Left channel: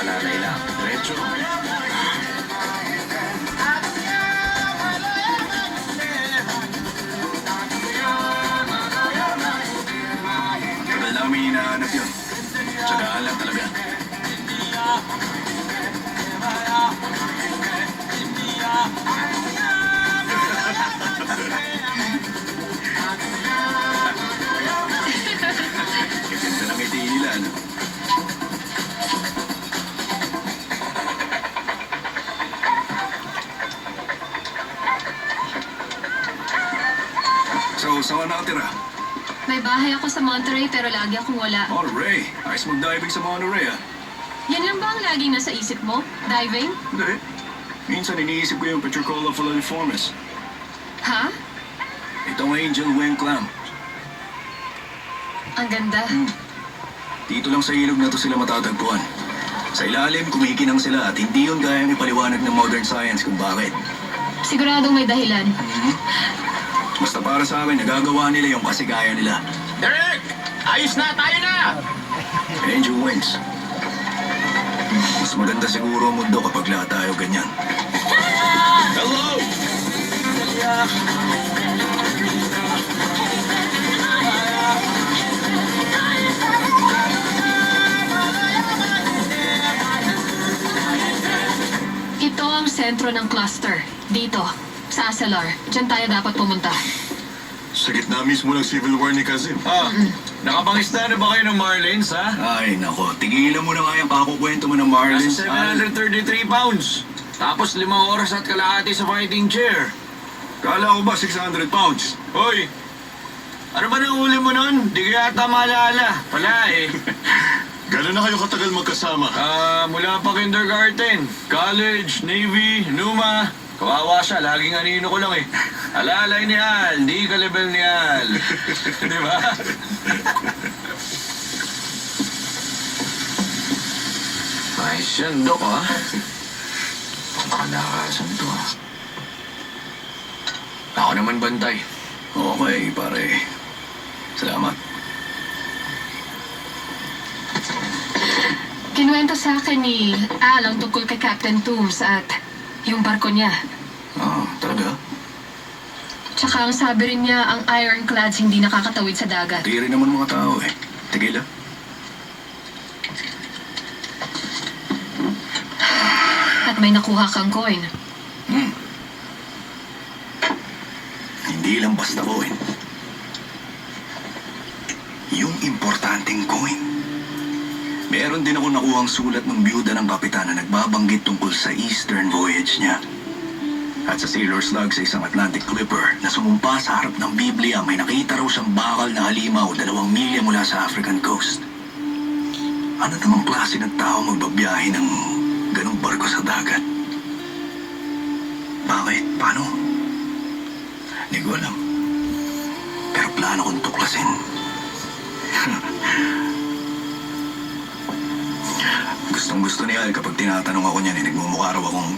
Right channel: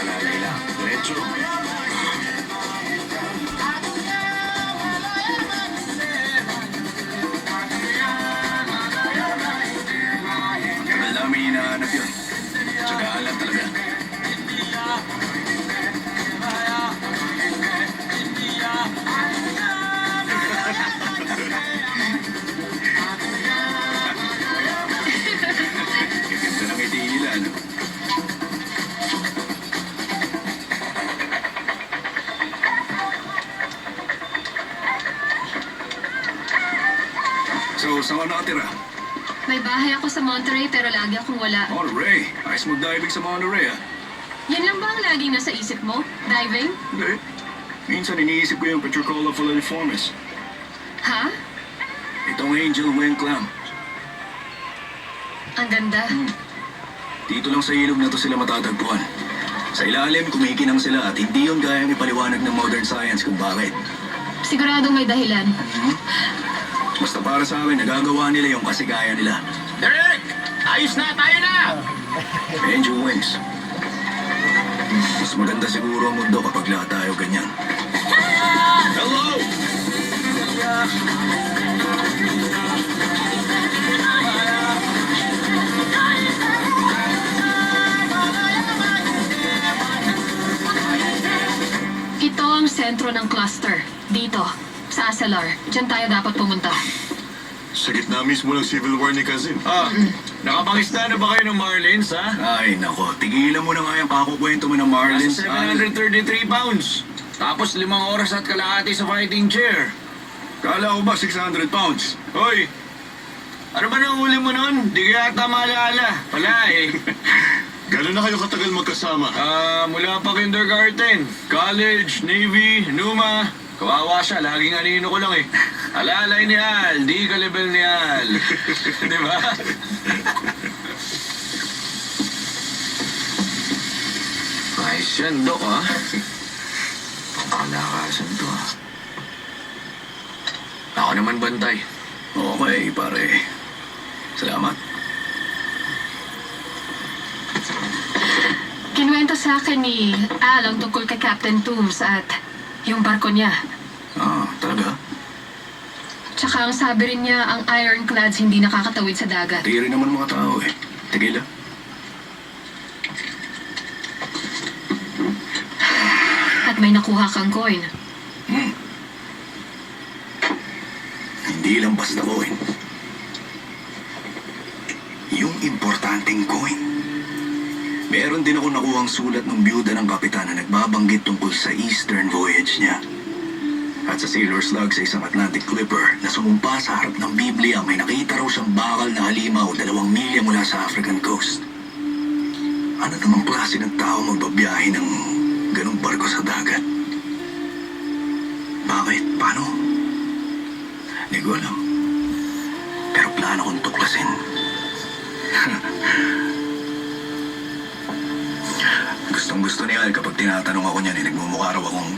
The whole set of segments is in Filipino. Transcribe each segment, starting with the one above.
Alalay lang. Diretso. Tagal namin hinahanap yun. Tsagaan lang talaga. Gaganda ng ngiti nila, ano? So, saan ka nakatira? May bahay ako sa Monterey pero lagi akong wala. Monterey. Ayos mag-diving sa Monterey, ah. Yan lang ba ang laging nasa isip mo? Diving? Hindi. Minsan iniisip ko yung Petricola falciformis. Ha? Itong angel wing clam. Ang ganda. Dito lang sa ilog na to sila matatagpuan. Sa ilalim, kumikinang sila at hindi yun gayang ipaliwanag ng modern science kung bakit. Siguradong may dahilan. Basta para sa akin, nagagawa nila yung kasigaya nila. Derek! Ayos na! Tayo na! Angel wings. Mas maganda siguro ang mundo kapag lahat tayo ganyan. Hello! Ito ang sentro ng cluster. Dito, sa Asalar. Diyan tayo dapat pumunta. Sa gitna mismo ng Civil War ni Kazim. Nakapangista na ba kayo ng Marlins, ha? Ay, nako. Tigilan mo na nga yung pakukwento mo ng Marlins. Nasa 733 pounds. Tapos 5 oras at kalahati sa fighting chair. Kala ko ba 600 pounds? Hoy! Ano ba nang huli mo nun? Di ko yata maalala. Wala eh. Gano'n na kayo katagal magkasama? Mula pa kindergarten, college, Navy, Numa. Kawawa siya, laging anino ko lang eh. Alalay ni Al, di ka level ni Al. Di ba? Ayos yan, Dok, ha? Pangkalakasan to, ha? Ako naman bantay. Okay, pare. Salamat. Kinuwento sa akin ni Al ang tungkol kay Captain Toombs at yung barko niya. Ah, talaga? Tsaka ang sabi rin niya, ang ironclads hindi nakakatawid sa dagat. Tiri naman mga tao eh. Tigil ah. At may nakuha kang coin. Hindi lang basta coin. Yung importanteng coin. Meron din ako nakuhang sulat ng biyuda ng kapitan na nagbabanggit tungkol sa Eastern voyage niya. At sa sailor's log sa isang Atlantic clipper na sumumpa sa harap ng Biblia, may nakita raw siyang bakal na halimaw 2 milya mula sa African coast. Ano namang klase ng tao magbabiyahe ng ganong barko sa dagat? Bakit? Paano? Hindi ko alam. Pero plano kong tuklasin. Gustong gusto ni Al kapag tinatanong ako niyan, nagmumukha raw akong...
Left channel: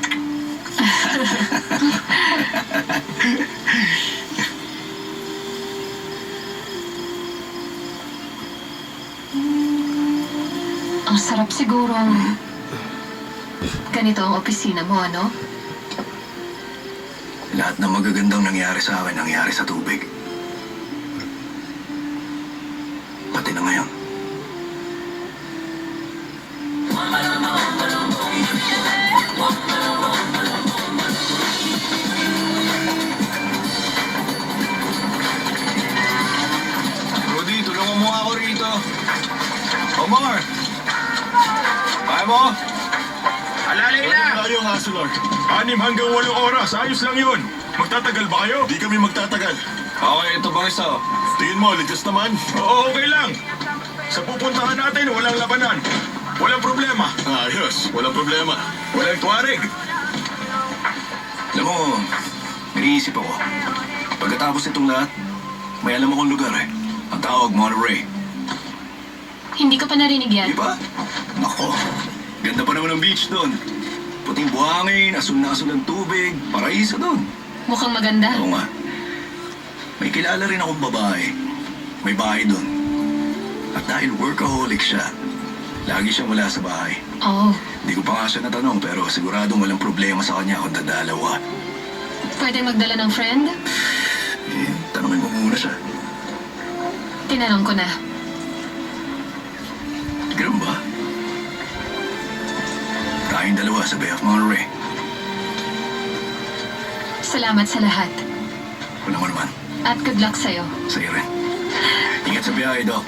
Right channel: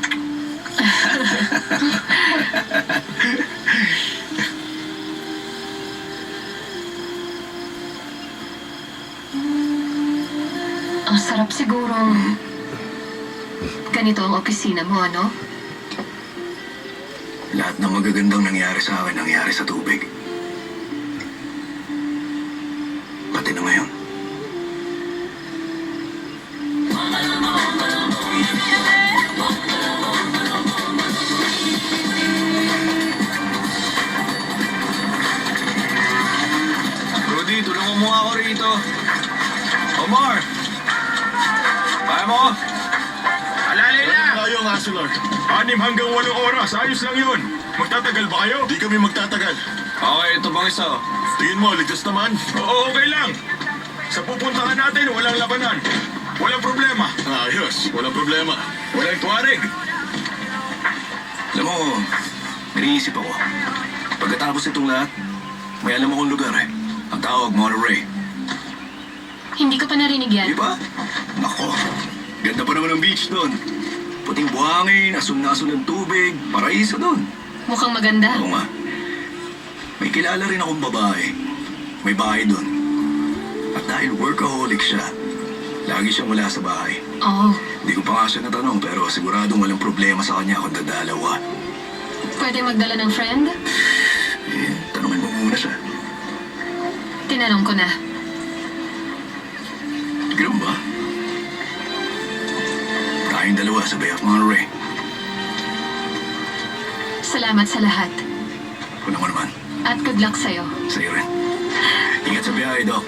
Ang sarap sigurong ganito ang opisina mo, ano? Lahat ng magagandang nangyari sa akin, nangyari sa tubig. Pati na ngayon. Rudy, tulungan mo ako rito. Omar! Kaya mo? Alalay na! Gano'n tayo ang Asalar? 6 hanggang 8 oras. Ayos lang yun. Magtatagal ba kayo? Di kami magtatagal. Okay, ito bang isa? Tingin mo, ligtas naman? Oo, okay lang. Sa pupuntahan natin, walang labanan. Walang problema. Ayos, walang problema. Walang tuwarig. Alam mo, nariisip ako. Pagkatapos nitong lahat, may alam akong lugar eh. Ang tawag Monterey. Hindi ko pa narinig yan. Di ba? Nako, ganda pa naman ang beach doon. Puting buhangin, asul na asul ang tubig, paraiso doon. Mukhang maganda. Oo nga. May kilala rin akong babae. May bahay doon. At dahil workaholic siya, Lagi siyang wala sa bahay. Oh, Hindi ko pa nga siya natanong pero siguradong walang problema sa kanya kung dadalawa. pwede magdala ng friend? Tanungin mo muna siya. Tinanong ko na. Ganun ba? Tayong dalawa sa Bay of Monterey. Salamat sa lahat. Wala mo naman. At good luck sa'yo. Sa'yo rin. Ingat sa biyahe, Doc.